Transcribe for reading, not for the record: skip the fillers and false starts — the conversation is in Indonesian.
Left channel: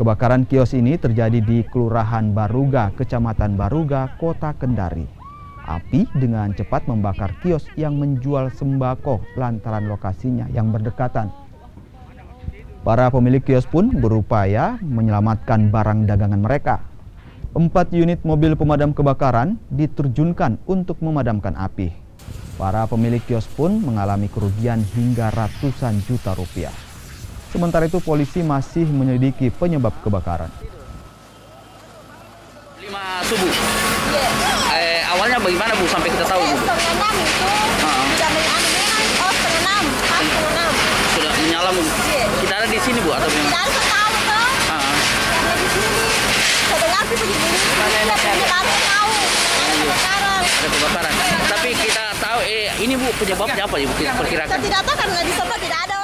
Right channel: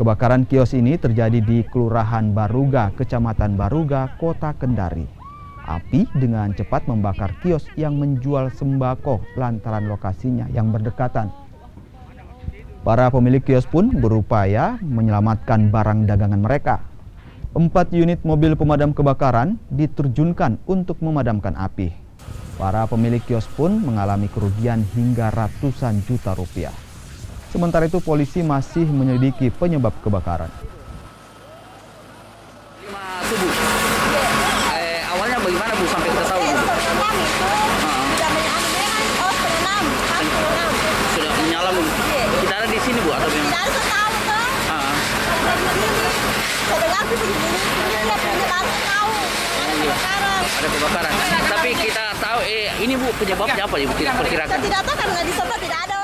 Kebakaran kios ini terjadi di Kelurahan Baruga, Kecamatan Baruga, Kota Kendari. Api dengan cepat membakar kios yang menjual sembako lantaran lokasinya yang berdekatan. Para pemilik kios pun berupaya menyelamatkan barang dagangan mereka. 4 unit mobil pemadam kebakaran diterjunkan untuk memadamkan api. Para pemilik kios pun mengalami kerugian hingga ratusan juta rupiah. Sementara itu polisi masih menyelidiki penyebab kebakaran. 5 subuh. Awalnya bagaimana Bu sampai kita tahu? Setengah 6 itu setengah 6. Sudah menyala Bu. Kita ada di sini Bu atau bagaimana? Tidak ada tahu tuh. Ada di sini. Sedengar sih begini. Dia baru tahu ada kebakaran. Ada kebakaran. Tapi kita tahu ini Bu penyebabnya apa ya Bu? Perkirakan. Kita tidak tahu kan nggak disebut tidak ada.